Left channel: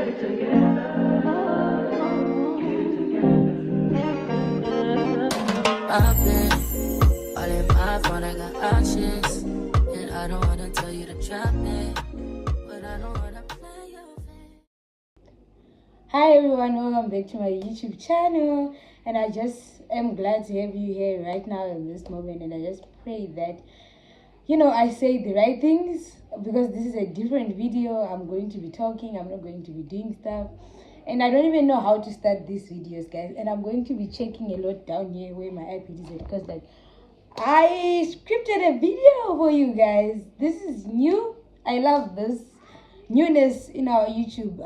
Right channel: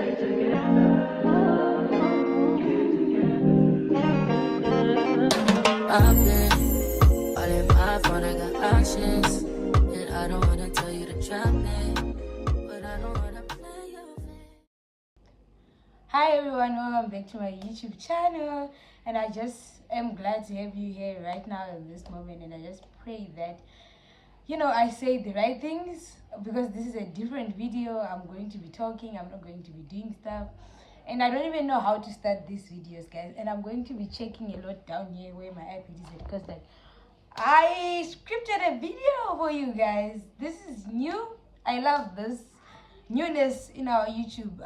I've been all in my phone, I got options. And I don't wanna tell you to drop it, but I don't wanna play your face. Hi everyone, welcome back to my YouTube channel, and I just am glad to have you here right now in this moment, and I just pray that I say the right things, because this is a different video. I'm going to be talking, I'm not going to be doing stuff, and I don't even know how to start these videos, guys. And I'm going to be checking a lot down here where my iPad is at, because I scripted a video for you guys. This is new. I love this newness in our YouTube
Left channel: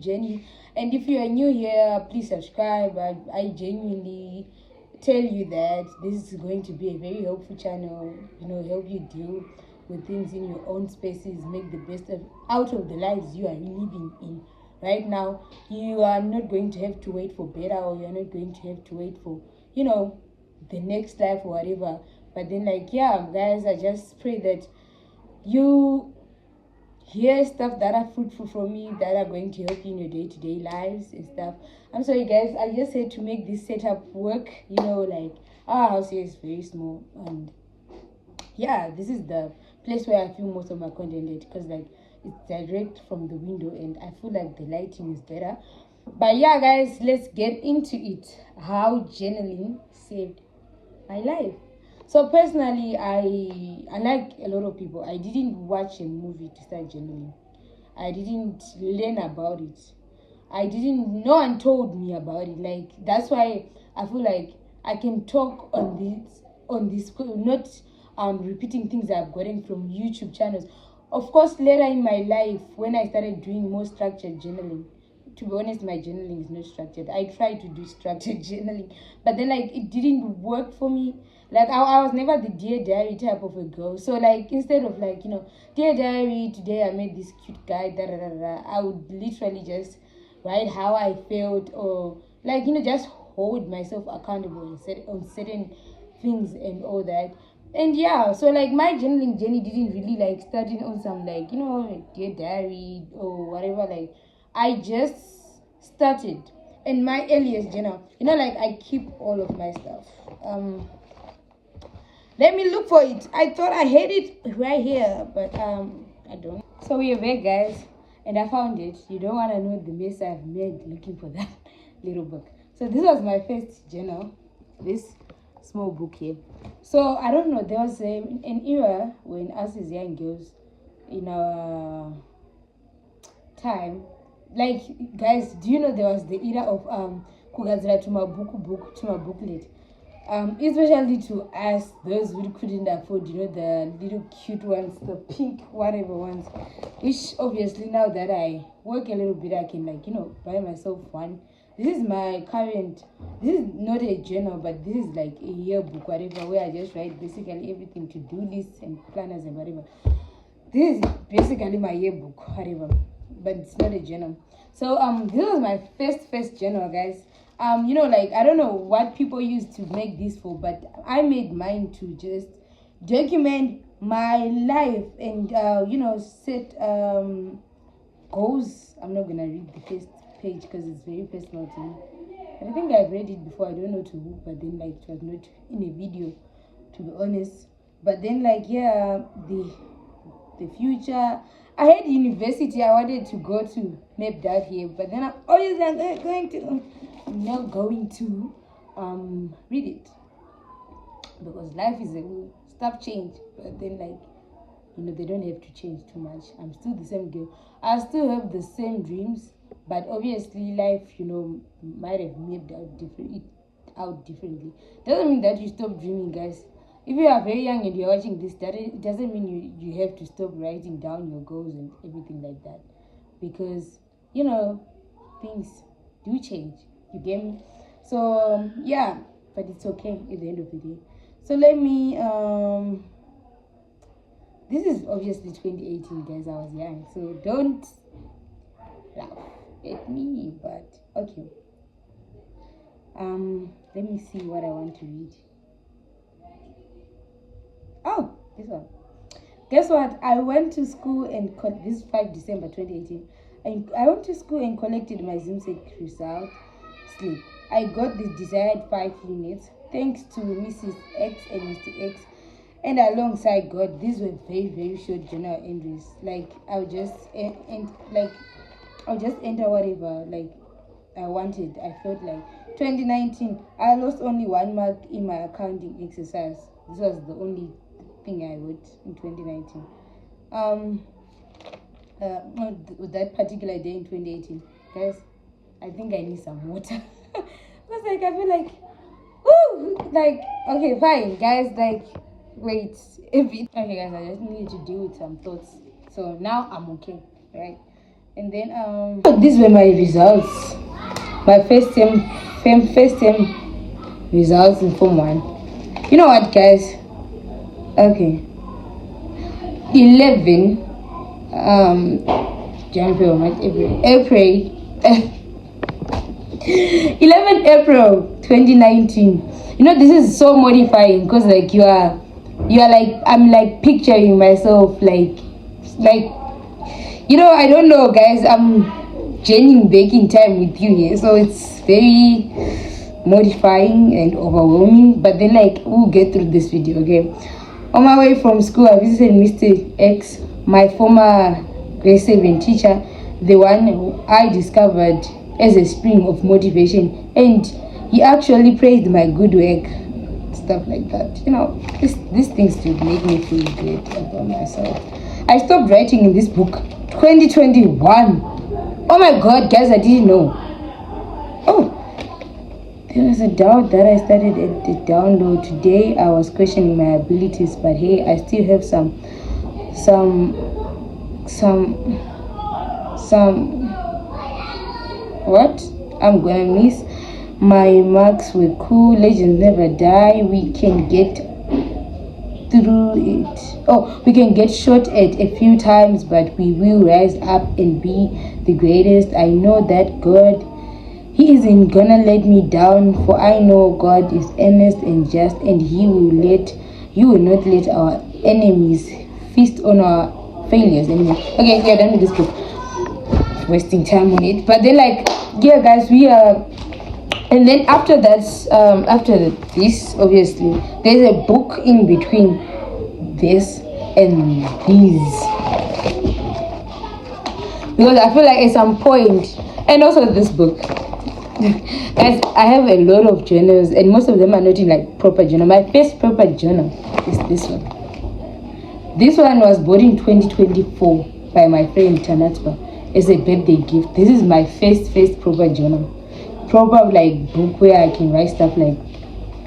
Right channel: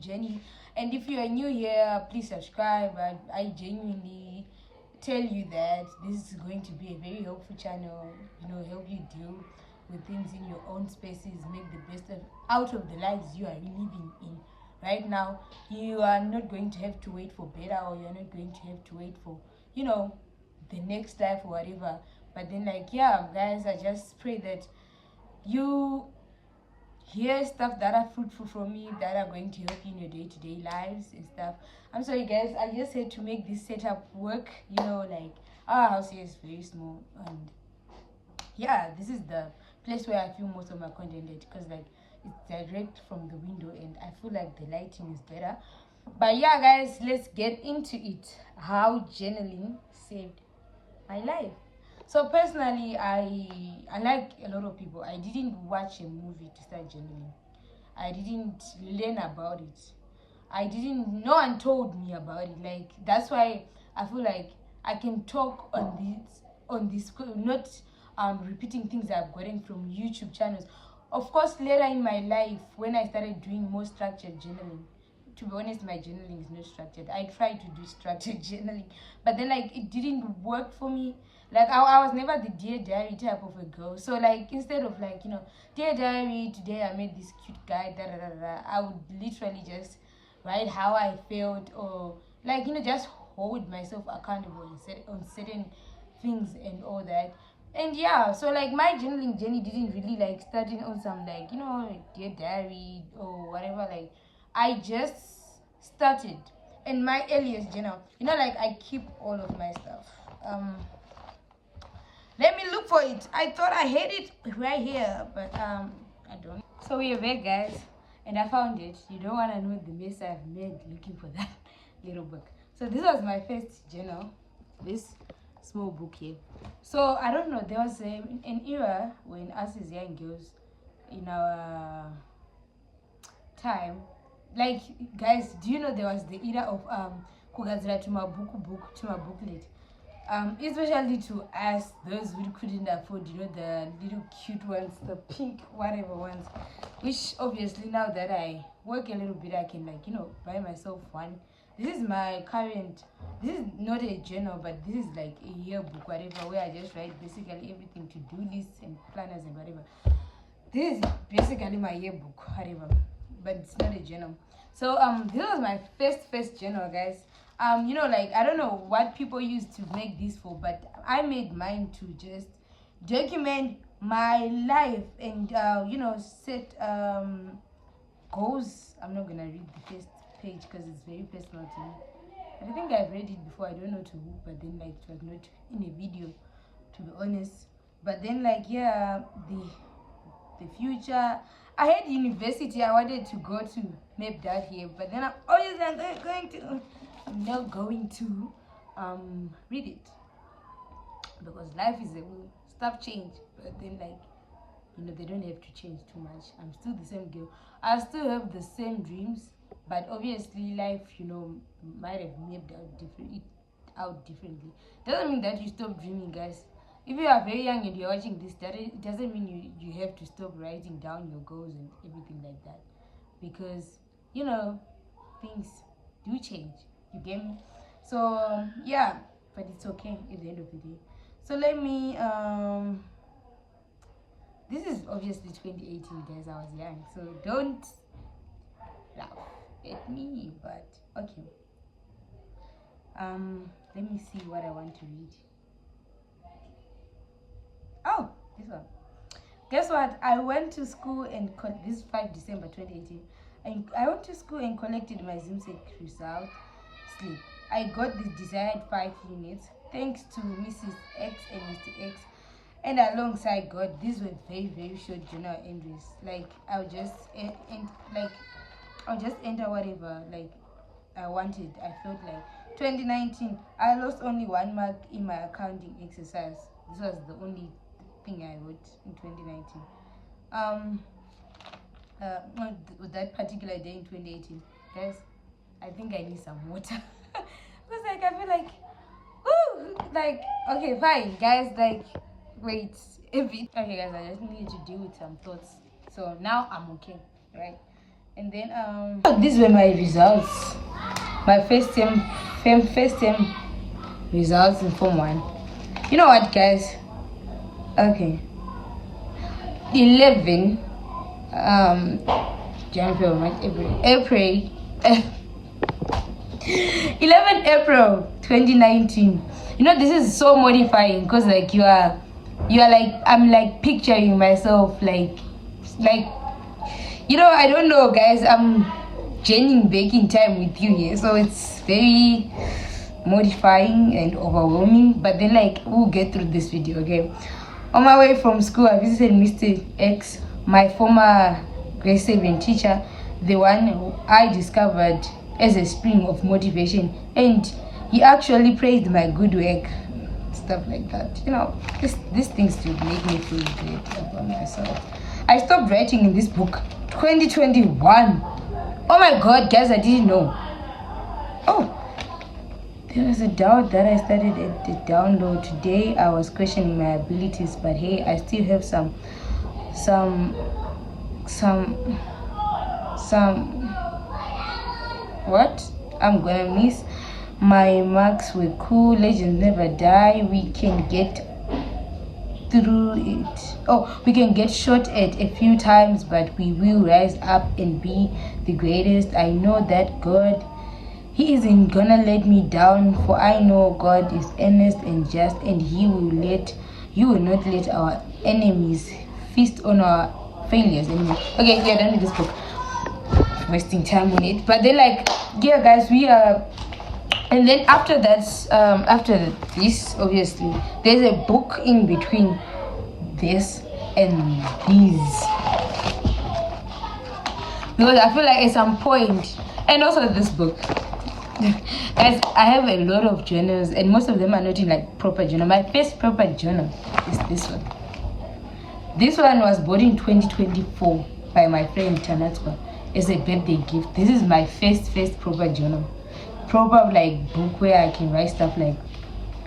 journey. And if you are new here, please subscribe. I genuinely tell you that this is going to be a very helpful channel, help you deal with things in your own spaces, make the best out of the lives you are living in right now. You are not going to have to wait for better, or you're not going to have to wait for the next life or whatever. But then, guys, I just pray that you hear stuff that are fruitful from me, that are going to help you in your day-to-day lives and stuff. I'm sorry, guys, I just had to make this setup work. Our house here is very small, and yeah, this is the place where I film most of my content at, because it's direct from the window, and I feel like the lighting is better. But yeah, guys, let's get into it. How journaling saved my life. So personally, I like a lot of people. I didn't watch a movie to start journaling. I didn't learn about it. No one told me about it. That's why I feel like I can talk on this not repeating things I've gotten from YouTube channels. Of course, later in my life, when I started doing more structured journaling, to be honest, my journaling is not structured. I tried to do structured journaling, but then it didn't work for me. I was never the Dear Diary type of a girl. So instead of Dear Diary, today I met this cute guy, da da da da, I would literally just write how I felt, or just hold myself accountable on certain things and all that. And yeah, so my journaling journey didn't really starting on some Dear Diary or whatever. I just started in my earliest journal. I keep all of my stuff. Let me look for it. I thought I had it right here, but I don't. So we're back, guys, and I found it. You don't want to know the mess I've made looking for that little book. So this was my first journal, this small book here. So I don't know, there was an era when us as young girls, in our time, guys, do you know there was the era of kugadzira to my booklet, especially to us, those who couldn't afford the little cute ones, the pink whatever ones, which obviously now that I work a little bit, I can buy myself one. This is my current, this is not a journal, but this is a yearbook whatever, where I just write basically everything, to-do lists and planners and whatever. This is basically my yearbook whatever, but it's not a journal. So this was my first journal, guys. I don't know what people use to make this for, but I made mine to just document my life and set goals. I'm not gonna read the first page because it's very personal to me, but I think I've read it before. I don't know to who, but then it was not in a video, to be honest. But then yeah, the future, I had university I wanted to go to, map that here, but then I'm not going to read it, because life is stuff change. But then they don't have to change too much. I'm still the same girl, I still have the same dreams, but obviously life might have mapped out differently. Doesn't mean that you stop dreaming, guys. If you are very young and you're watching this, it doesn't mean you have to stop writing down your goals and everything like that, because things do change. You get me? So yeah, but it's okay at the end of the day. So let me this is obviously 2018, guys. I was young, so don't laugh at me, but okay. Let me see what I want to read. Oh, this one. Guess what? I went to school and this is 5 December 2018. And I went to school and collected my ZIMSEC result slip. I got the desired 5 units thanks to Mrs. X and Mr. X. And alongside God, these were very, very short journal entries. Like I'll just I'll just enter whatever like I wanted. I felt like 2019, I lost only 1 mark in my accounting exercise. This was the only thing I wrote in 2019. That particular day in 2018, guys, I think I need some water. Because like I feel like, woo, like okay, fine, guys, like wait a bit. Okay, guys, I just needed to deal with some thoughts. So now I'm okay, right? And then these were my results. My first term results in Form 1. You know what, guys? Okay. 11 January, April 11 April 2019. You know, this is so modifying because like you are like, I'm like picturing myself like you know, I don't know, guys, I'm journeying back in time with you here, so it's very modifying and overwhelming, but then like we'll get through this video. Okay, on my way from school, I visited Mr. X, my former grade 7 teacher, the one who I discovered as a spring of motivation, and he actually praised my good work, stuff like that. You know, these things to make me feel great about myself. I stopped writing in this book 2021. Oh my god, guys, I didn't know. Oh, there was a doubt that I started at the download. Today I was questioning my abilities, but hey, I still have some what? I'm gonna miss. My marks were cool. Legends never die. We can get through it. Oh, we can get shot at a few times, but we will rise up and be the greatest. I know that God, He isn't gonna let me down, for I know God is earnest and just, and He will not let our enemies feast on our failures anymore. Okay, we are done with this book. Wasting time on it, but then like, yeah, guys, we are. And then after that, after this, obviously, there's a book in between this and these. Because I feel like at some point, and also this book, guys, I have a lot of journals, and most of them are not in like proper journal. My first proper journal is this one. This one was bought in 2024 by my friend Tanatwa as a birthday gift. This is my first proper journal. Proper like book where I can write stuff like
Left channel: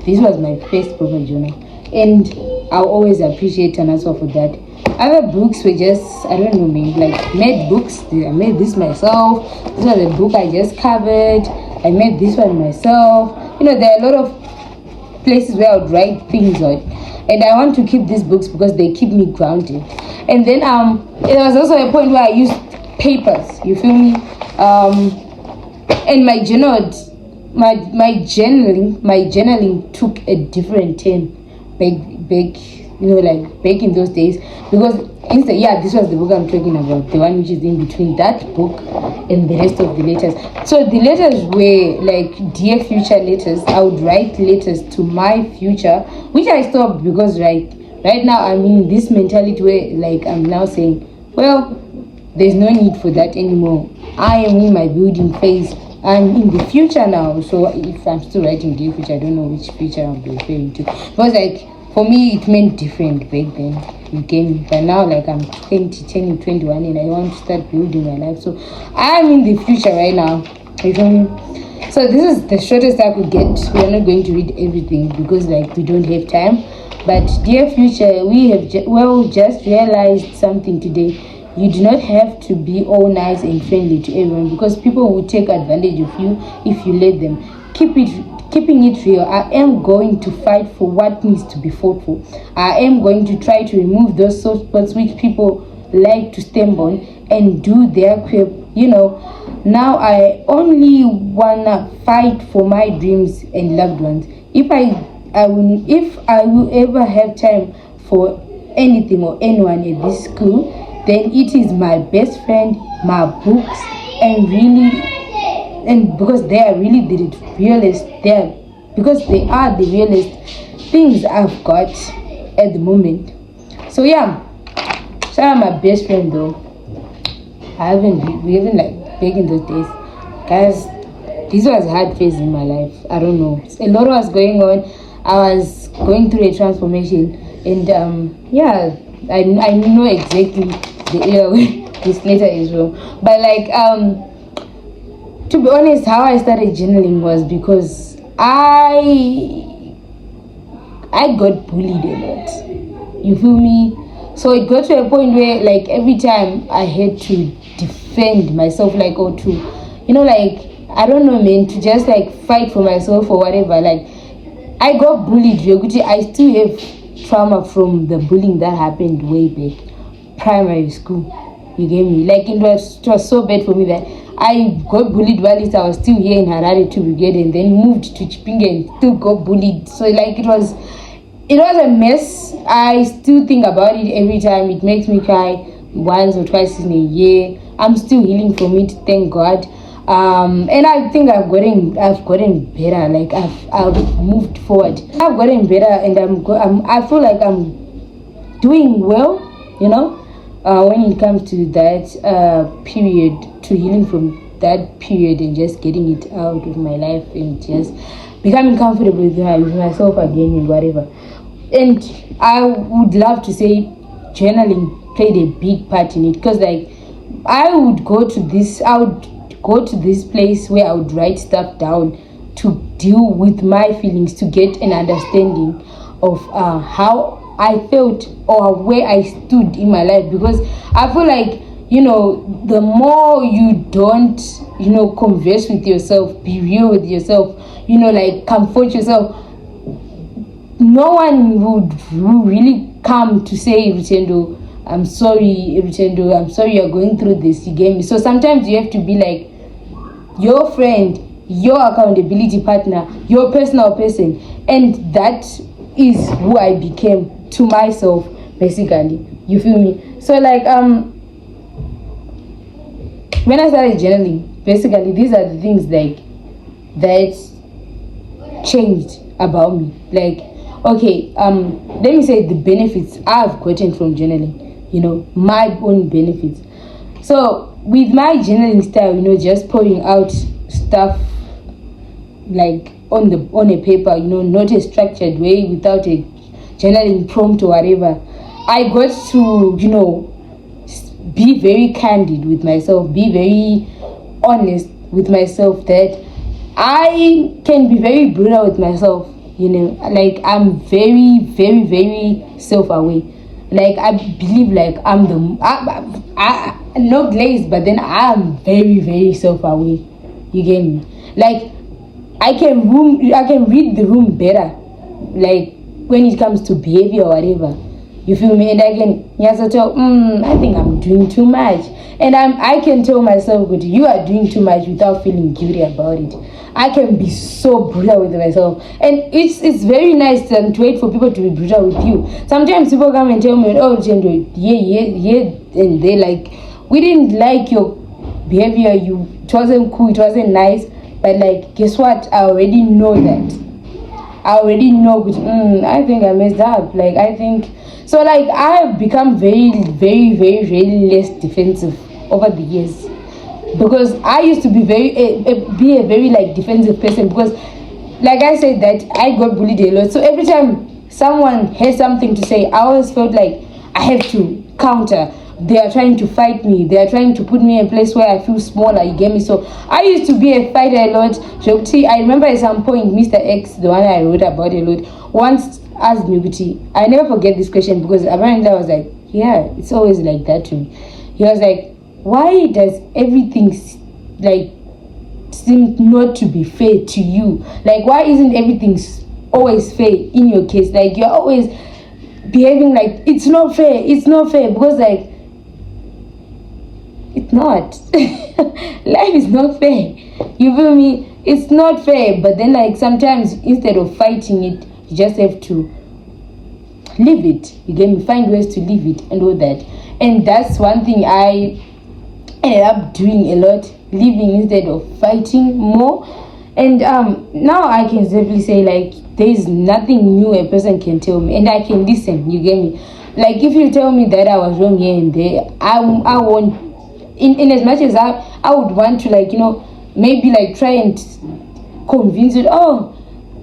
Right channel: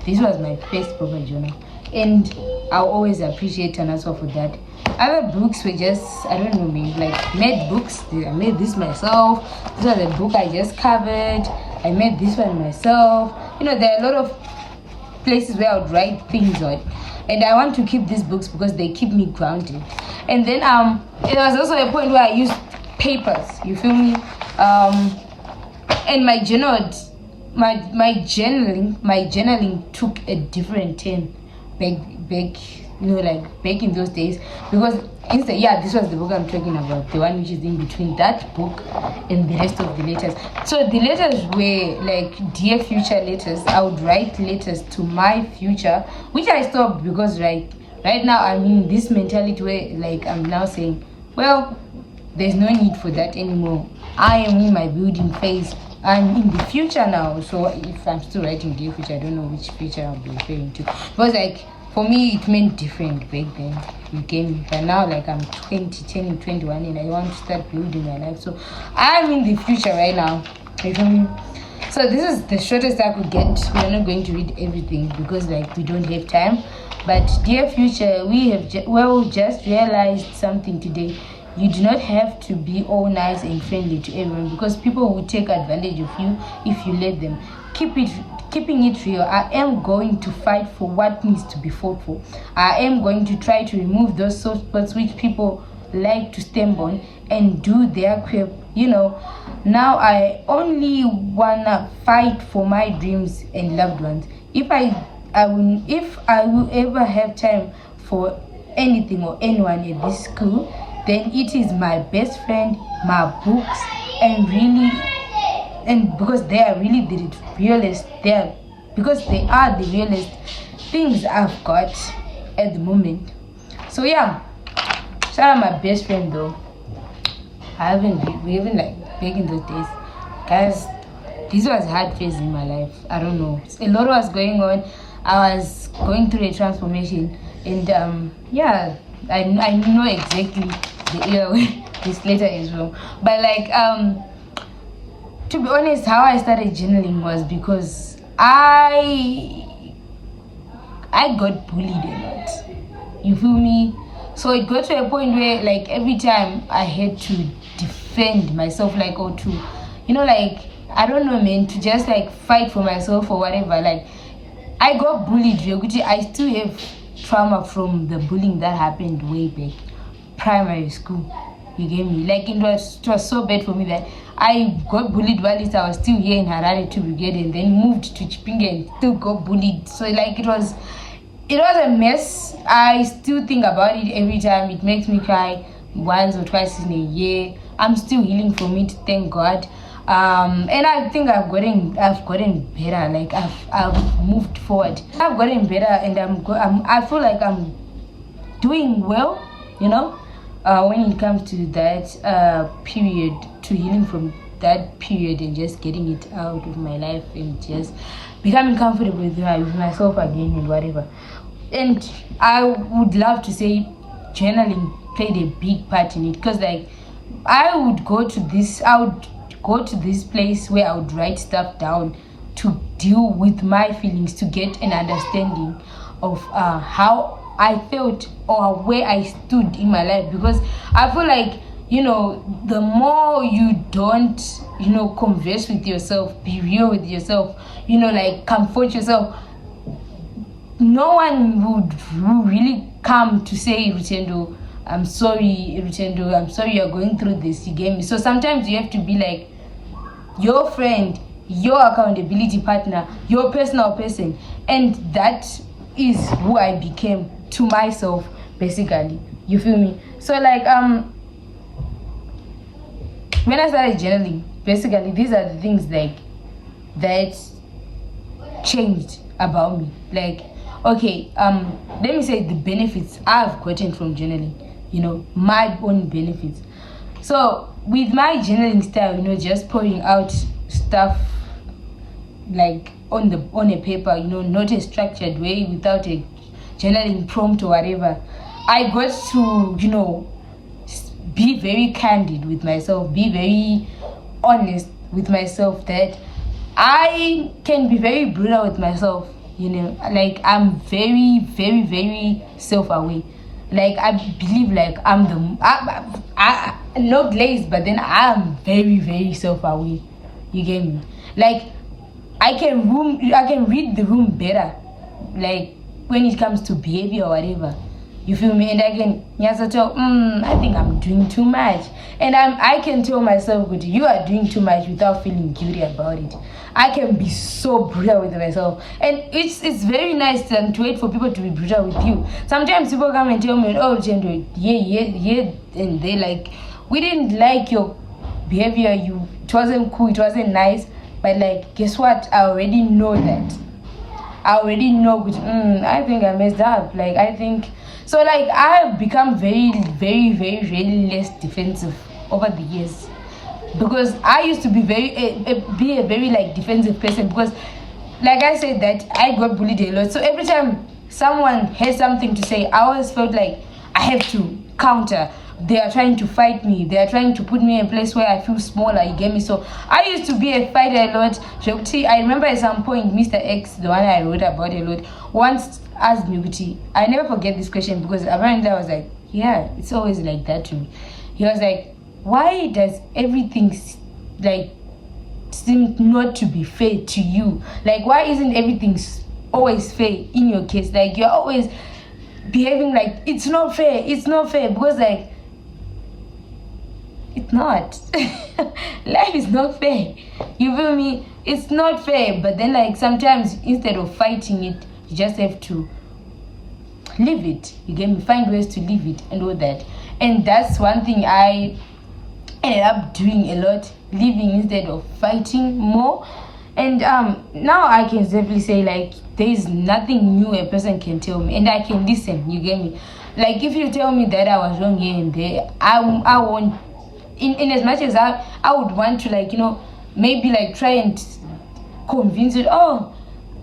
this. Was my first proper journal, and I'll always appreciate Tanaswa for that. Other books were just, I don't know, maybe like made books. I made this myself. This was a book I just covered. I made this one myself. You know, there are a lot of places where I would write things on, and I want to keep these books because they keep me grounded. And then there was also a point where I used papers, you feel me, and my journaling took a different turn back you know, like back in those days, because instead, yeah, this was the book I'm talking about, the one which is in between that book and the rest of the letters. So the letters were like dear future letters. I would write letters to my future, which I stopped because right now I'm in this mentality where like I'm now saying, well, there's no need for that anymore. I am in my building phase. I'm in the future now. So if I'm still writing dear future, I don't know which future I'm referring to. Because like for me it meant different back then. You came, but now like I'm 20, 21, and I want to start building my life. So I'm in the future right now. You feel me? So this is the shortest I could get. We are not going to read everything because like we don't have time. But dear future, we have just realized something today. You do not have to be all nice and friendly to everyone, because people will take advantage of you if you let them. Keeping it real, I am going to fight for what needs to be fought for. I am going to try to remove those soft spots which people like to stamp on and do their crap. You know, now I only wanna fight for my dreams and loved ones. If I will ever have time for anything or anyone at this school, then it is my best friend, my books, and because they are really the realest, because they are the realest things I've got at the moment. So yeah, shout out my best friend though. We haven't like back in those days, guys. This was a hard phase in my life. I don't know. A lot was going on. I was going through a transformation, and yeah, I know exactly the era where this letter is from. But like to be honest, how I started journaling was because I got bullied a lot. You feel me? So it got to a point where like every time I had to defend myself, like, or to, like, I don't know, man, to just like fight for myself or whatever. Like, I got bullied. I still have trauma from the bullying that happened way back, primary school. You get me? Like, it was so bad for me that I got bullied while I was still here in Harare to Brigade, and then moved to Chipinge and still got bullied. So like it was a mess. I still think about it every time. It makes me cry once or twice in a year. I'm still healing from it, thank God. And I think I've gotten better. Like I've moved forward. I've gotten better, and I feel like I'm doing well. When it comes to that period, to healing from that period and just getting it out of my life and just becoming comfortable with myself again and whatever. And I would love to say journaling played a big part in it, because like I would go to this place where I would write stuff down to deal with my feelings, to get an understanding of how I felt or where I stood in my life. Because I feel like, the more you don't, converse with yourself, be real with yourself, like comfort yourself, no one would really come to say, Rutendo, I'm sorry, you're going through this, you get me? So sometimes you have to be like your friend, your accountability partner, your personal person. And that is who I became to myself, basically. You feel me? So like when I started journaling, basically these are the things like that changed about me. Like, okay, let me say the benefits I've gotten from journaling, my own benefits. So with my journaling style, just pouring out stuff like on a paper, not a structured way, without a journaling prompt or whatever, I got to, be very candid with myself, be very honest with myself, that I can be very brutal with myself, like I'm very, very, very self-aware. Like I believe like I'm not glazed, but then I'm very, very self-aware. You get me? Like I can read the room better, like when it comes to behavior or whatever. You feel me? And I can I think I'm doing too much. And I can tell myself, good, you are doing too much, without feeling guilty about it. I can be so brutal with myself. And it's very nice to wait for people to be brutal with you. Sometimes people come and tell me, oh, Jendo, yeah, and they like, we didn't like your behavior, it wasn't cool, it wasn't nice. But like, guess what? I already know that. I already know, I think I messed up. Like, I think, so like, I have become very, very, very, very less defensive over the years. Because I used to be a very like defensive person, because like I said that I got bullied a lot. So every time someone has something to say, I always felt like I have to counter. They are trying to fight me. They are trying to put me in a place where I feel smaller, you get me? So I used to be a fighter a lot. I remember at some point, Mr. X, the one I wrote about a lot, once asked me, I never forget this question, because apparently I was like, yeah, it's always like that to me. He was like, why does everything like seem not to be fair to you? Like, why isn't everything always fair in your case? Like, you're always behaving like it's not fair, because like it's not. Life is not fair. You feel me? It's not fair. But then like sometimes instead of fighting it, you just have to live it. You get me? Find ways to live it and all that. And that's one thing I ended up doing a lot, living instead of fighting more. And now I can safely say, like, there is nothing new a person can tell me, and I can listen. You get me? Like, if you tell me that I was wrong here and there, I won't. In as much as I would want to, like, maybe like try and convince it. Oh,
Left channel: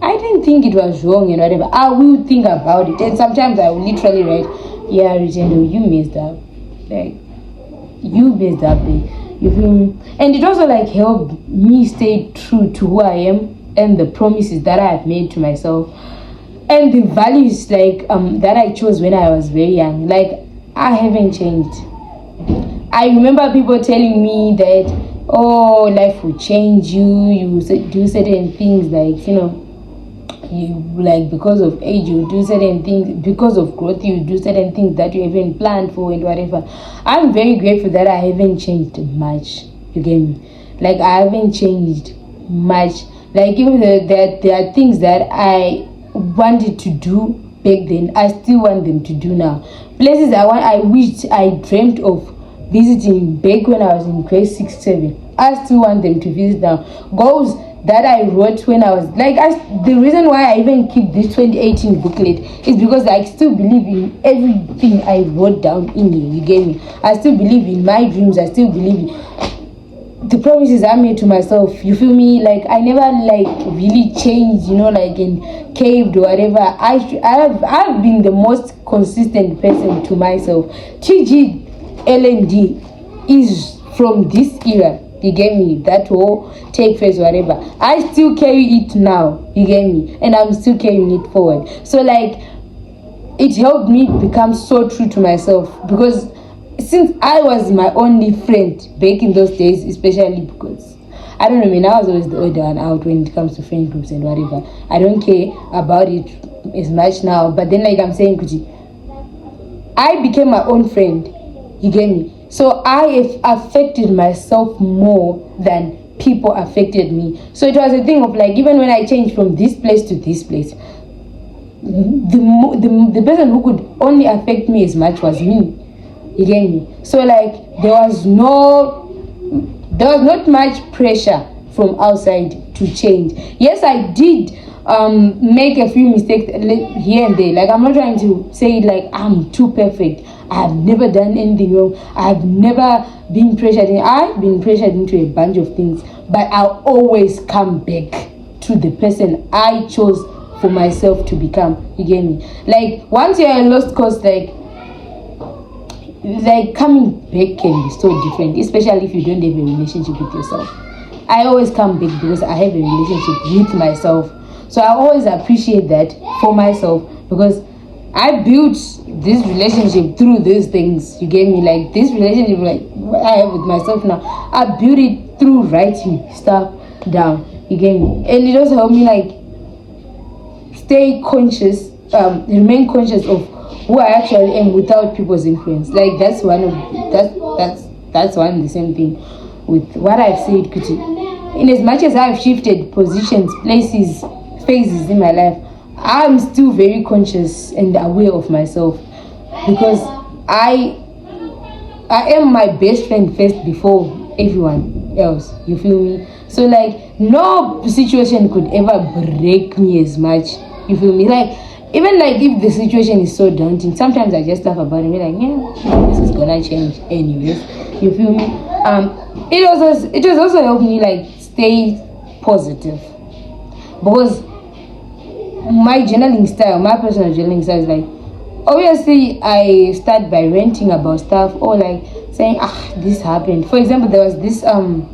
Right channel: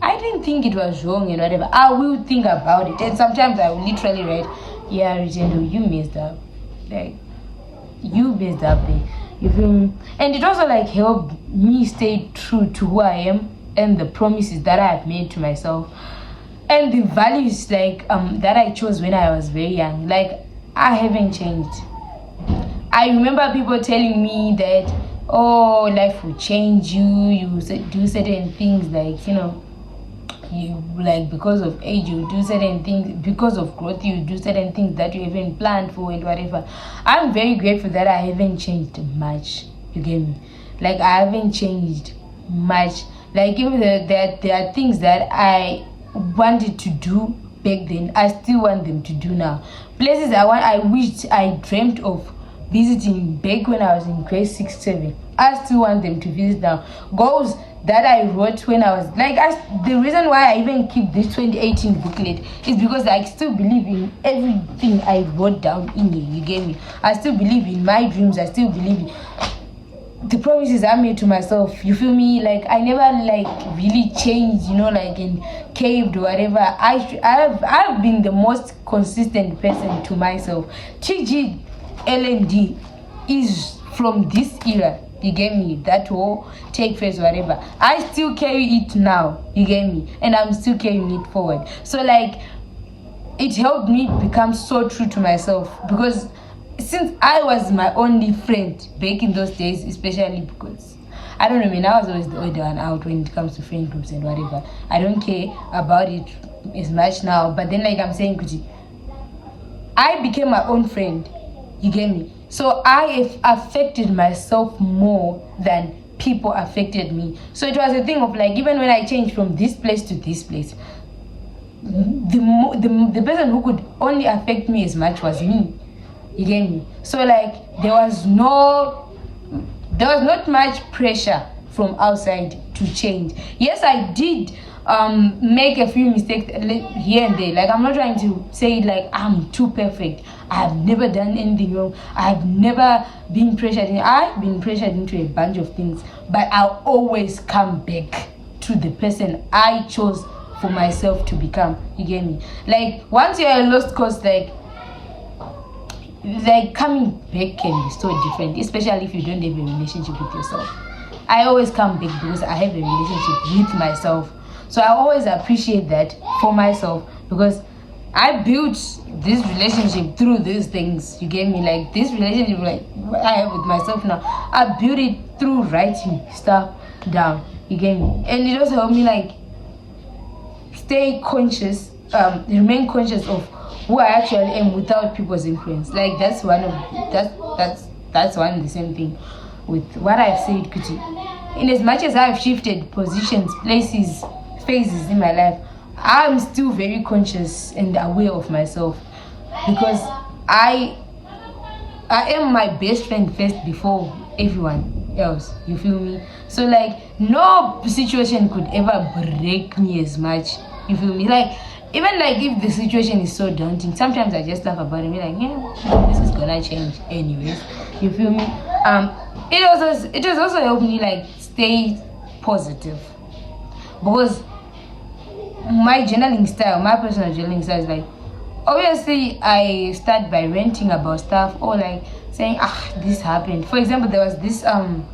I didn't think it was wrong and whatever. I will think about it, and sometimes I will literally write, "Yeah, Rutendo, you messed up. Like, you messed up there." You feel me? And it also like helped me stay true to who I am and the promises that I have made to myself and the values like that I chose when I was very young. Like, I haven't changed. I remember people telling me that, oh, life will change you. You do certain things, like, you, like, because of age you do certain things, because of growth you do certain things that you haven't planned for and whatever. I'm very grateful that I haven't changed much. You get me? Like, I haven't changed much. Like, even that there are things that I wanted to do back then, I still want them to do now. Places I wished I dreamt of visiting back when I was in grade 6, 7, I still want them to visit now. Goals that I wrote when I was like, the reason why I even keep this 2018 booklet is because I still believe in everything I wrote down in here. You get me? I still believe in my dreams. I still believe in the promises I made to myself. You feel me? Like, I never like really changed, like in caved or whatever. I've been the most consistent person to myself. TG LMD is from this era. You get me? That whole take face, whatever. I still carry it now. You get me? And I'm still carrying it forward. So, like, it helped me become so true to myself, because since I was my only friend back in those days, especially because I don't know, man, I was always the older one out when it comes to friend groups and whatever. I don't care about it as much now. But then, like I'm saying, Kuti, I became my own friend. You get me? So I have affected myself more than people affected me. So it was a thing of like, even when I changed from this place to this place, the person who could only affect me as much was me. You get me? So like, there was not much pressure from outside to change. Yes, I did make a few mistakes here and there. Like, I'm not trying to say it like I'm too perfect. I have never done anything wrong. I have never been pressured in. I've been pressured into a bunch of things, but I'll always come back to the person I chose for myself to become. You get me? Like, once you're a lost cause, like coming back can be so different, especially if you don't have a relationship with yourself. I always come back because I have a relationship with myself. So I always appreciate that for myself, because I built this relationship through these things. You get me? Like, this relationship, like what I have with myself now, I built it through writing stuff down. You get me? And it also helped me like stay conscious, remain conscious of who I actually am without people's influence. Like, that's one and the same thing with what I've said, Kuti. In as much as I've shifted positions, places, phases in my life, I'm still very conscious and aware of myself, because I am my best friend first before everyone else. You feel me? So like, no situation could ever break me as much. You feel me? Like, even like if the situation is so daunting, sometimes I just laugh about it and be like, yeah, this is gonna change anyways. You feel me? It has also helped me like stay positive, because my journaling style, my personal journaling style is like, obviously I start by ranting about stuff, or like saying, this happened. For example, there was this time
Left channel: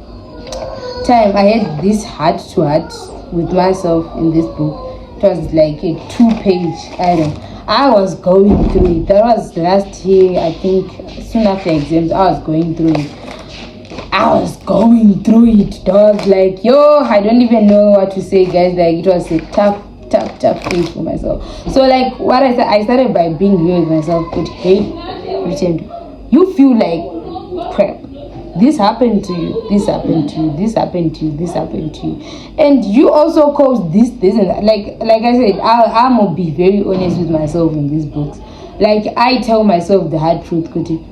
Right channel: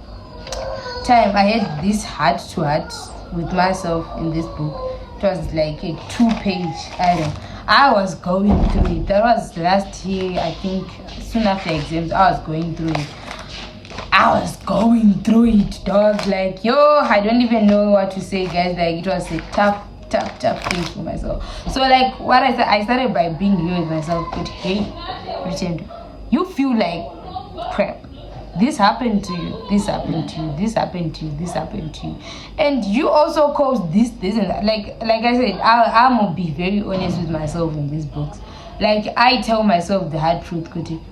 I had this heart to heart with myself in this book. It was like a 2-page item. I was going through it. That was last year, I think, soon after exams. I was going through it. Dog. Like, I don't even know what to say, guys. Like, it was a tough phase for myself. So like, what I said, I started by being real with myself. But hey, Richard, you feel like crap. this happened to you, this happened to you, this happened to you, this happened to you, and you also caused this and that. Like I said, I'm gonna be very honest with myself in these books. Like, I tell myself the hard truth, Kuti.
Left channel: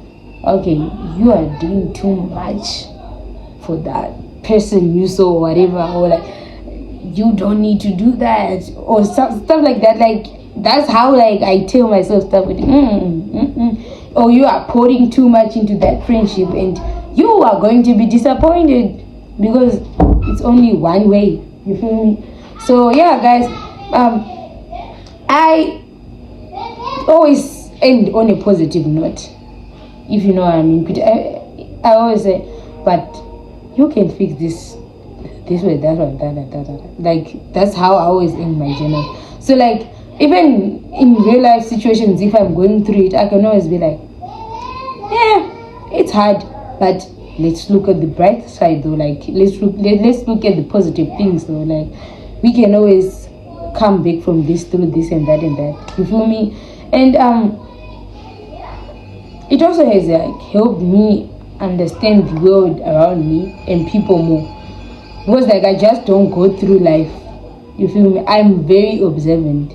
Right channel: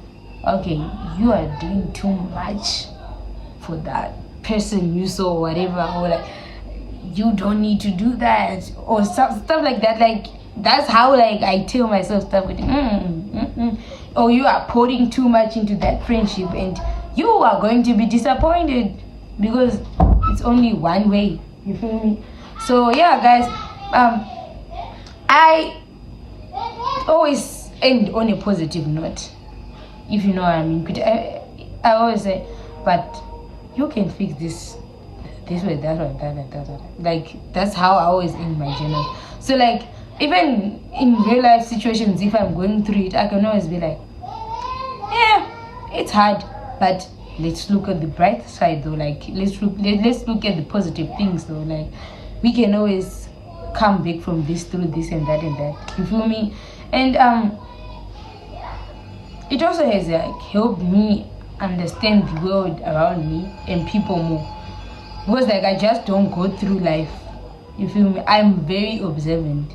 Okay, you are doing too much for that person you saw, whatever, or like, you don't need to do that, or stuff like that. Like, that's how, like, I tell myself stuff with or you are pouring too much into that friendship, and you are going to be disappointed because it's only one way. You feel me? So yeah, guys, I always end on a positive note, if you know what I mean. I always say, but you can fix this way, that way, that. Like, that's how I always end my journal. So, like, even in real life situations, if I'm going through it, I can always be like, yeah, it's hard, but let's look at the bright side though. Like, let's look at the positive things though. Like, we can always come back from this through this and that. You feel me? And it also has like helped me understand the world around me and people more, because like I just don't go through life. You feel me? I'm very observant.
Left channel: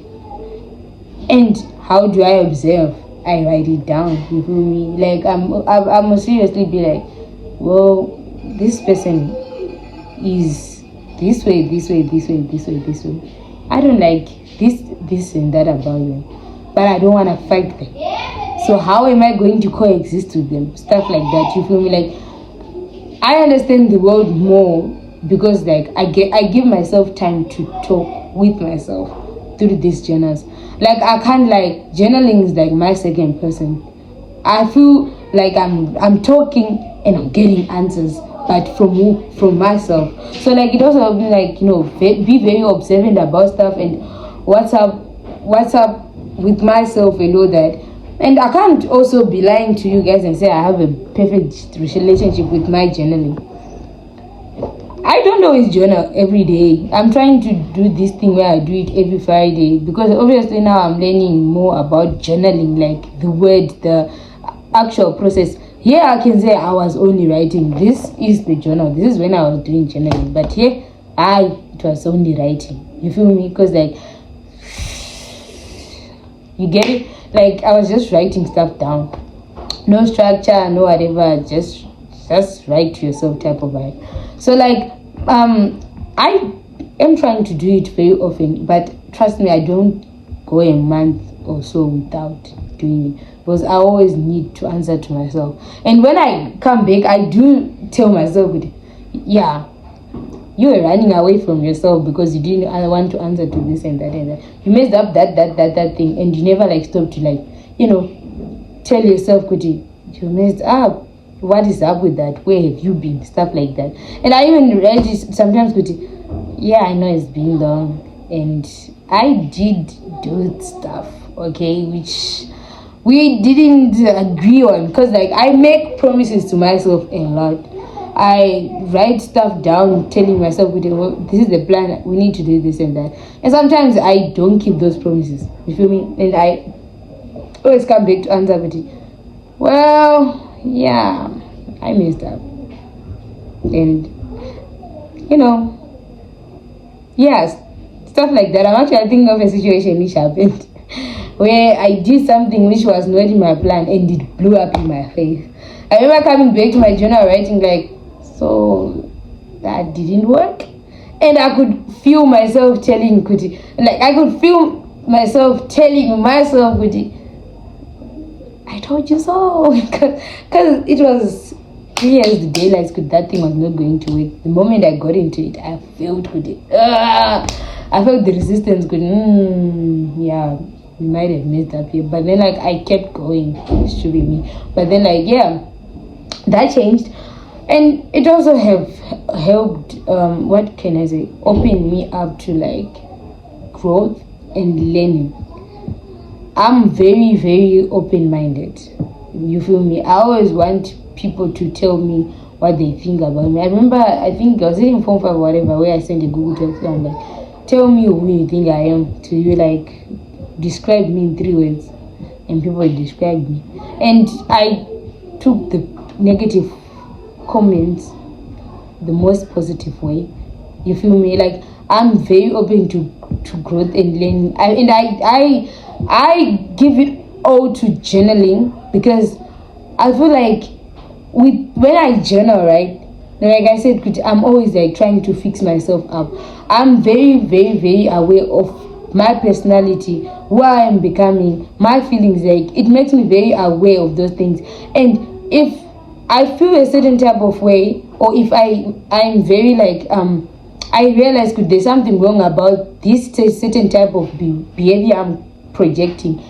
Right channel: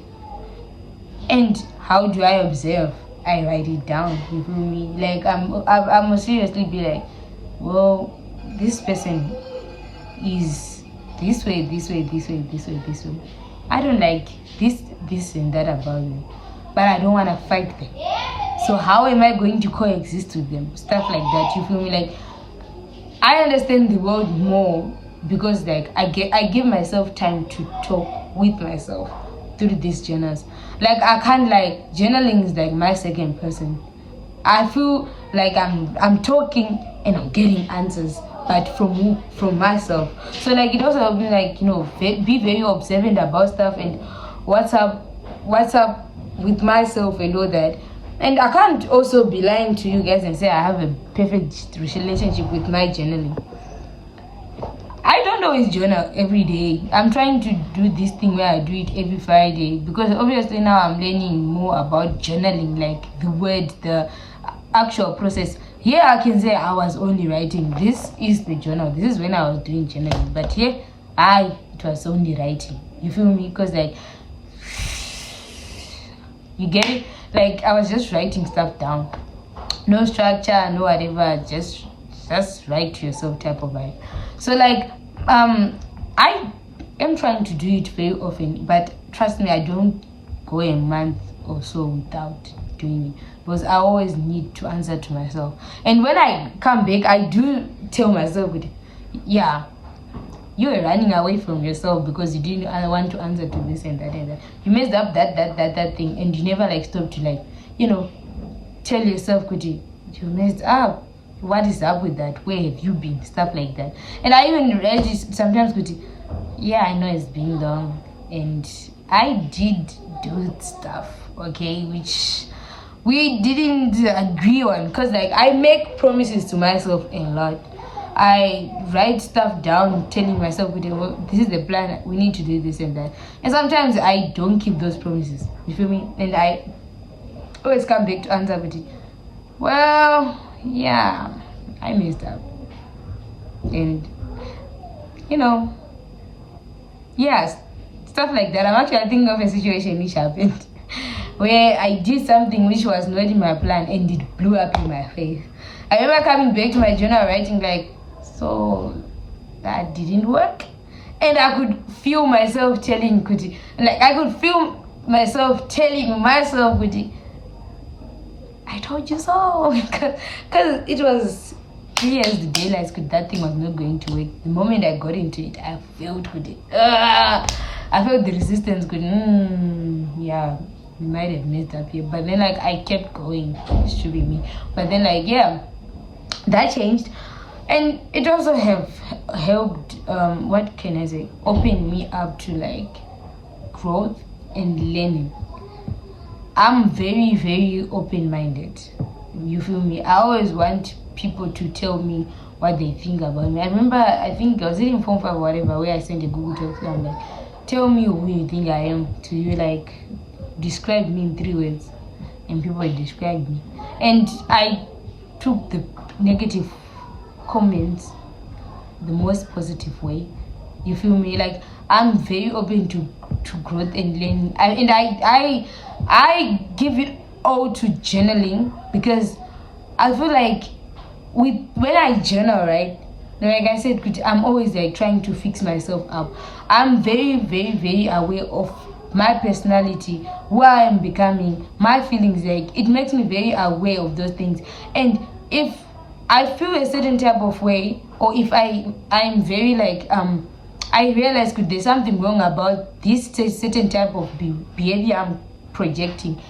And how do I observe? I write it down. You feel me? Like, I'm seriously be like, well, this person is this way. I don't like this and that about them, but I don't want to fight them. So how am I going to coexist with them? Stuff like that. You feel me? Like, I understand the world more because like I give myself time to talk with myself through these journals. Like, I can't, like, journaling is like my second person. I feel like I'm talking and I'm getting answers, but from myself. So like, it also helps me, like, you know, be very observant about stuff and what's up with myself and all that. And I can't also be lying to you guys and say I have a perfect relationship with my journaling. I don't always journal every day. I'm trying to do this thing where I do it every Friday, because obviously now I'm learning more about journaling, like the word, the actual process. Here I can say I was only writing. This is the journal. This is when I was doing journaling. But here, it was only writing. You feel me? Because like, you get it? Like, I was just writing stuff down. No structure, no whatever. Just write to yourself type of vibe. So like, I am trying to do it very often, but trust me, I don't go a month or so without doing it, because I always need to answer to myself. And when I come back, I do tell myself, yeah, you were running away from yourself because you didn't want to answer to this and that. You messed up that thing, and you never like stop to, like, you know, tell yourself, Kuti, you messed up. What is up with that? Where have you been? Stuff like that. And I even read it sometimes, Kuti, yeah, I know it's been long, and I did do stuff, okay, which we didn't agree on, because like, I make promises to myself a lot. I write stuff down telling myself, well, this is the plan, we need to do this and that. And sometimes I don't keep those promises. You feel me? And I always come back to answer with it, well, yeah, I messed up. And, you know, yes, stuff like that. I'm actually thinking of a situation which happened where I did something which was not in my plan, and it blew up in my face. I remember coming back to my journal writing like, so that didn't work. And I could feel myself telling Kuti, like, I could feel myself telling myself, Kuti, I told you so. Because it was clear as the daylight, because that thing was not going to work. The moment I got into it, I felt Kuti. I felt the resistance going, yeah, we might have messed up here. But then, like, I kept going. It should be me. But then, like, yeah, that changed. And it also have helped, what can I say, open me up to, like, growth and learning. I'm very, very open-minded. You feel me? I always want people to tell me what they think about me. I remember, I think I was in Form 5 or whatever, where I sent a Google Doc, and I'm like, tell me who you think I am. To you, like, describe me in 3 words. And people described me. And I took the negative comments the most positive way. You feel me? Like, I'm very open to growth and learning. I give it all to journaling, because I feel like when I journal, right? Like I said, I'm always like trying to fix myself up. I'm very, very, very aware of my personality, who I am becoming, my feelings. Like, it makes me very aware of those things. And if I feel a certain type of way, or if I'm very like I realize there's something wrong about this certain type of behavior I'm projecting,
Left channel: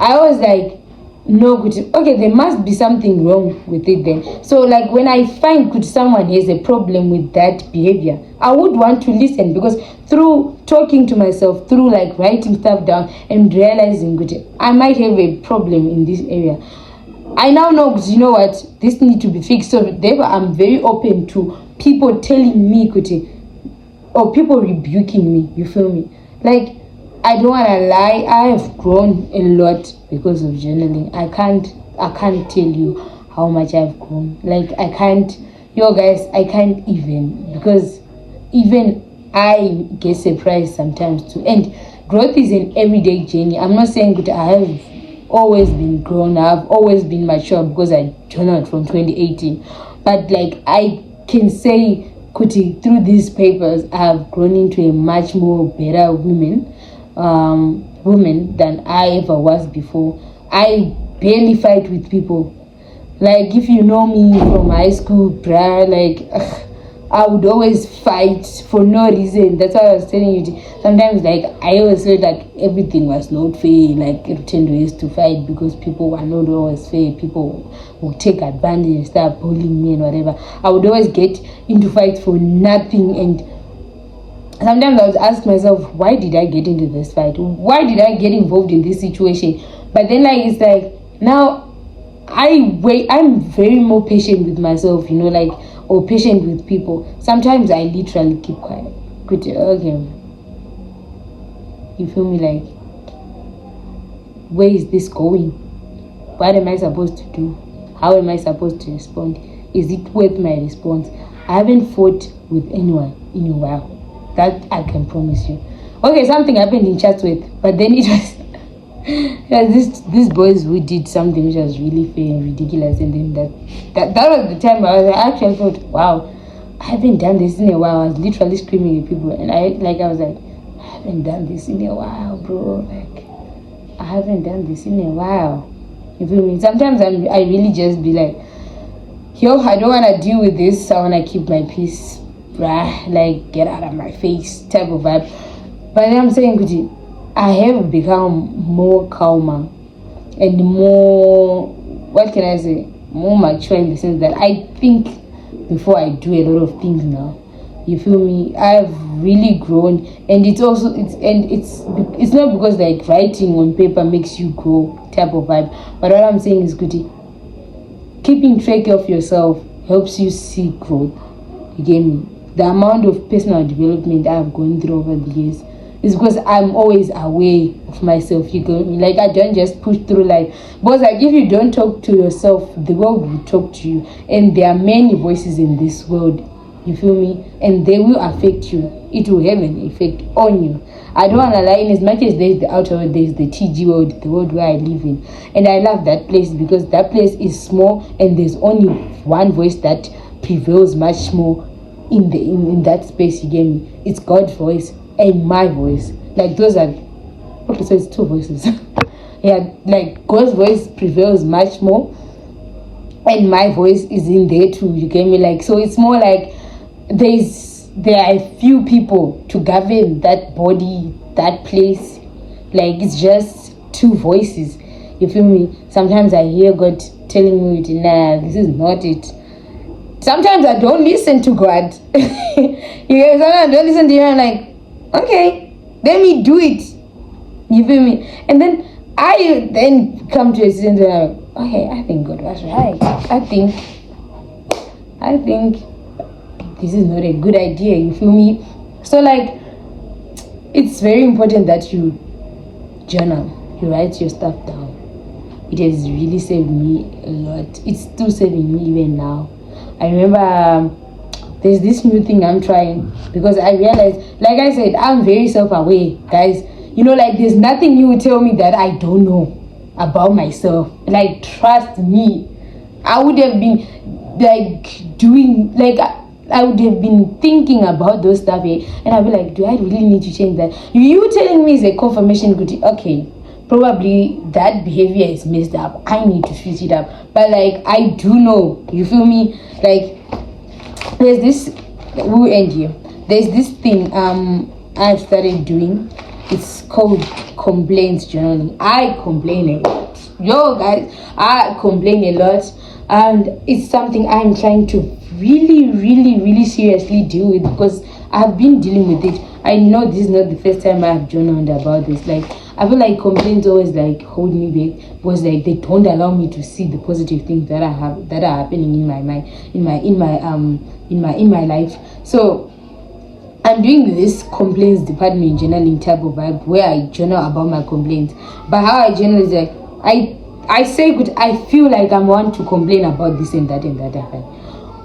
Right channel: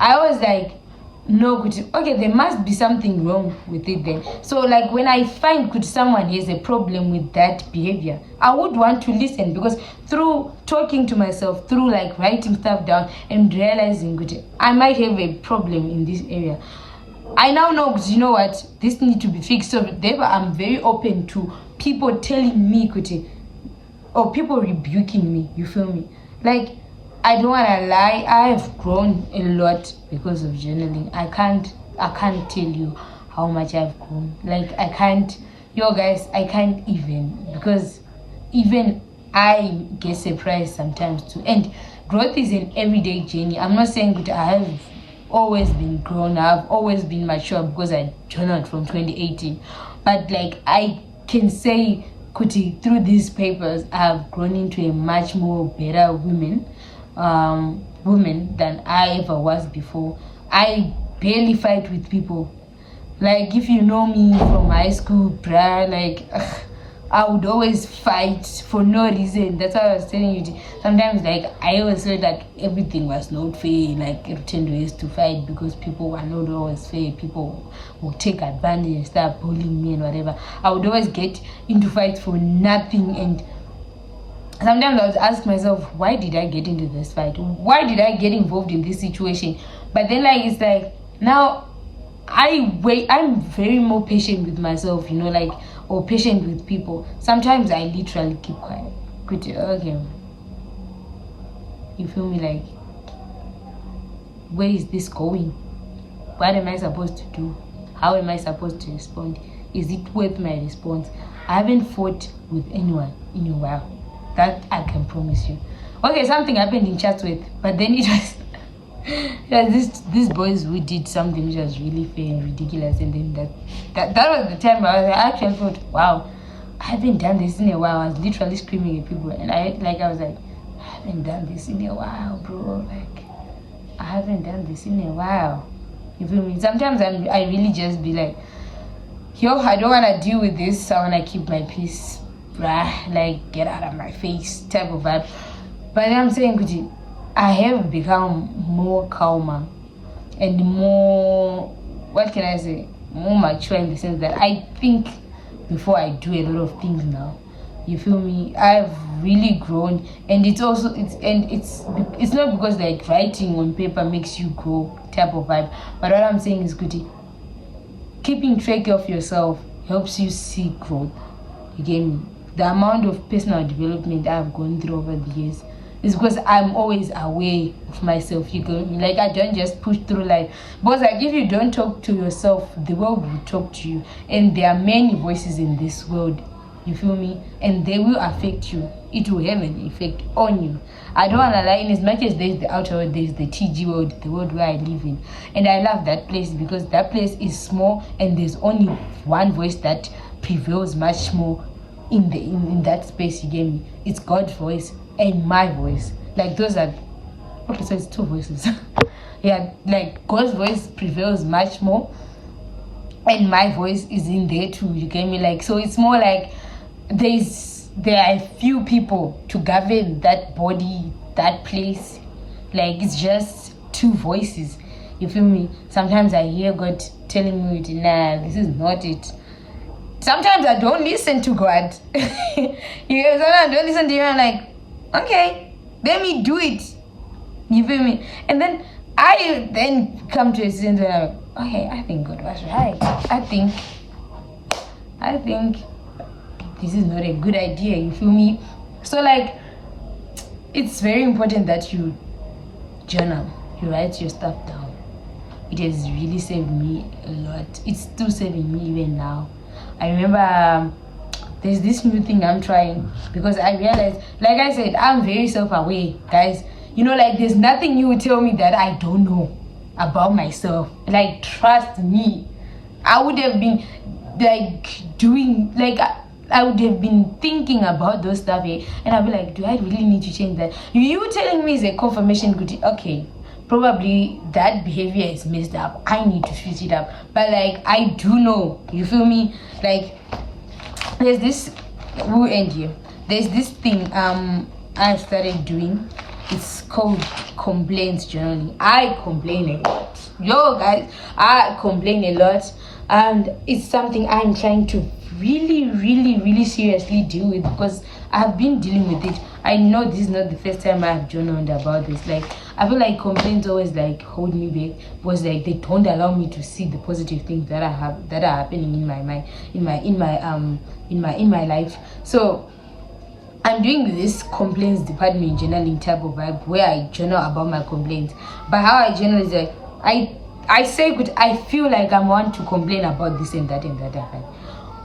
I was like, no, okay, there must be something wrong with it then. So like, when I find someone has a problem with that behavior, I would want to listen, because through talking to myself, through like writing stuff down and realizing I might have a problem in this area, I now know, you know what, this needs to be fixed. So therefore, I'm very open to people telling me or people rebuking me. You feel me? Like, I don't want to lie, I have grown a lot because of journaling. I can't tell you how much I've grown. Like, I can't even, because even I get surprised sometimes too. And growth is an everyday journey. I'm not saying that I have always been grown up, always been mature, because I journaled from 2018. But like, I can say, through these papers, I have grown into a much more better woman than I ever was before. I barely fight with people. Like, if you know me from high school, bruh, like, I would always fight for no reason. That's why I was telling you. Sometimes, like, I always felt like everything was not fair. Like, Rutendo used to fight because people were not always fair. People would take advantage and start bullying me and whatever. I would always get into fights for nothing. And sometimes I would ask myself, why did I get into this fight? Why did I get involved in this situation? But then, like, it's like, now I'm very more patient with myself, like, or patient with people. Sometimes I literally keep quiet. Okay. You feel me? Like, where is this going? What am I supposed to do? How am I supposed to respond? Is it worth my response? I haven't fought with anyone in a while. That I can promise you. Okay, something happened in Chatsworth, but then it was these boys who did something which was really fair and ridiculous, and then that was the time I actually thought, wow, I haven't done this in a while. I was literally screaming at people, and I was like, I haven't done this in a while, bro. Like, I haven't done this in a while. You feel me? Sometimes I really just be like, yo, I don't want to deal with this. I want to keep my peace, bruh. Like, get out of my face type of vibe. But then I'm saying, Gucci, I have become more calmer and more, what can I say, more mature, in the sense that I think before I do a lot of things now. You feel me? I've really grown, and it's not because like writing on paper makes you grow type of vibe. But what I'm saying is, Gucci, keeping track of yourself helps you see growth. You get me? The amount of personal development I've gone through over the years is because I'm always aware of myself. You get me? Like, I don't just push through life. Because like, if you don't talk to yourself, the world will talk to you. And there are many voices in this world. You feel me? And they will affect you. It will have an effect on you. I don't want to lie. In as much as there's the outer world, there's the TG world, the world where I live in. And I love that place, because that place is small, and there's only one voice that prevails much more in that space. You get me? It's God's voice and my voice. Like, those are, okay, so it's two voices. Yeah, like, God's voice prevails much more, and my voice is in there too. You get me? Like, so it's more like there are a few people to govern that body, that place. Like, it's just two voices. You feel me? Sometimes I hear God telling me, nah, this is not it. Sometimes I don't listen to God. Sometimes I don't listen to you. I'm like, okay, let me do it. You feel me? And then I come to a sense where I'm like, okay, I think God was right. I think this is not a good idea. You feel me? So like, it's very important that you journal. You write your stuff down. It has really saved me a lot. It's still saving me even now. I remember there's this new thing I'm trying, because I realized, like I said, I'm very self-aware, guys. You know, like there's nothing you would tell me that I don't know about myself. Like, trust me, I would have been like doing, like I would have been thinking about those stuff, and I'll be like, do I really need to change that? You telling me is a confirmation good. Okay, probably that behavior is messed up. I need to switch it up. But like, I do know, you feel me? Like, there's this, we'll end here. There's this thing I've started doing. It's called complaints journaling. I complain a lot. Yo guys, I complain a lot, and it's something I'm trying to really seriously deal with, because I've been dealing with it. I know this is not the first time I've journaled about this. Like, I feel like complaints always like hold me back, because like they don't allow me to see the positive things that I have, that are happening in my mind, in my life. So I'm doing this complaints department journaling type of vibe, where I journal about my complaints. But how I journal is like, I say good, I feel like I want to complain about this and that happened.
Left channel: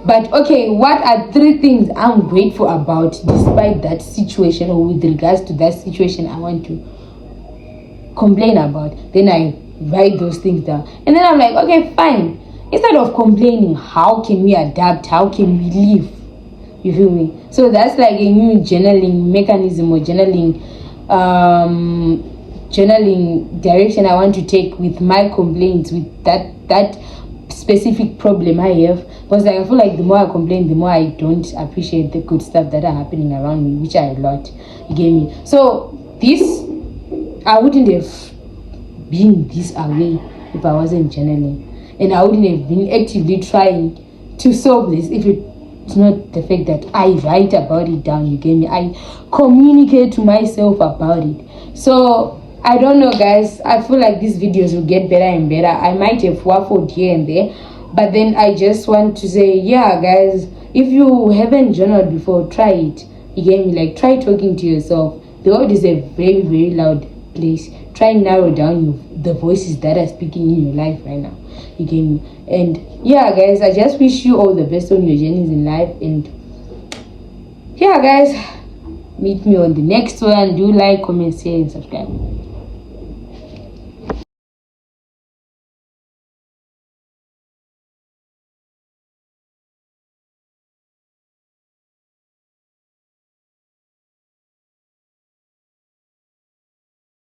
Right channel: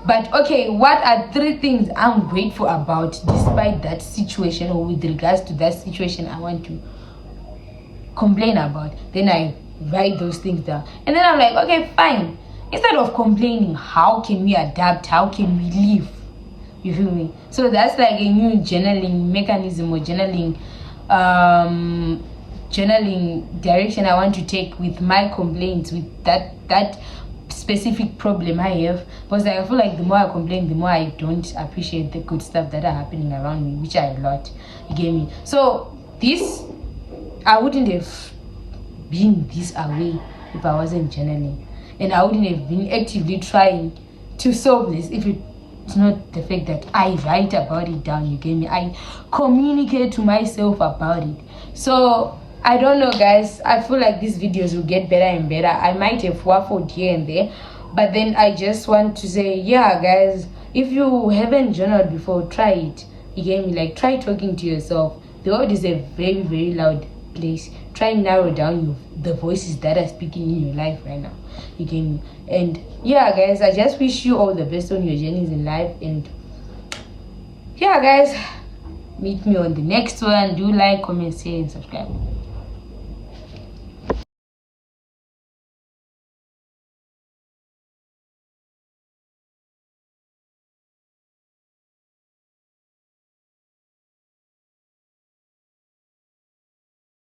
But okay, what are 3 things I'm grateful about despite that situation, or with regards to that situation I want to complain about? Then I write those things down, and then I'm like, okay, fine. Instead of complaining, how can we adapt? How can we live? You feel me? So that's like a new journaling mechanism, or journaling direction I want to take with my complaints, with that specific problem I have. Because like, I feel like the more I complain, the more I don't appreciate the good stuff that are happening around me, which I lot. You get me? So this, I wouldn't have been this away if I wasn't journaling, and I wouldn't have been actively trying to solve this if it's not the fact that I write about it down. You get me? I communicate to myself about it. So I don't know, guys. I feel like these videos will get better and better. I might have waffled here and there, but then I just want to say, yeah, guys, if you haven't journaled before, try it. You get me? Like, try talking to yourself. The world is a very loud place. Try and narrow down the voices that are speaking in your life right now. You get me? And yeah, guys, I just wish you all the best on your journeys in life. And yeah, guys, meet me on the next one. Do like, comment, share, and subscribe.